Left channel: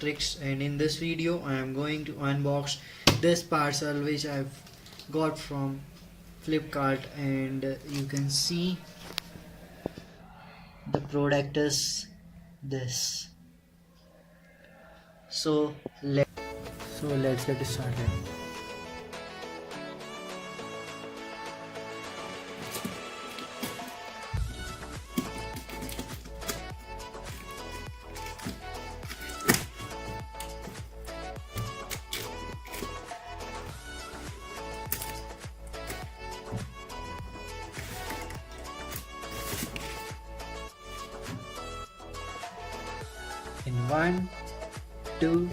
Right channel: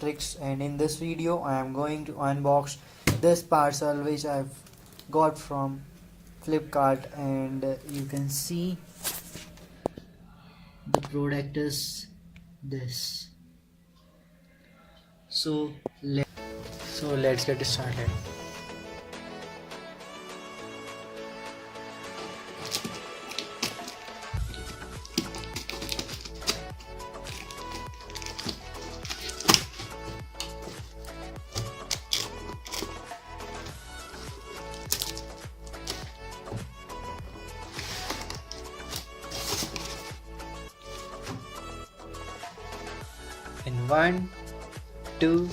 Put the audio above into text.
tricks, and in this video I am going to unbox this parcel which I've got from Flipkart, and you can see the product is this. So let's get started. In 1, 2,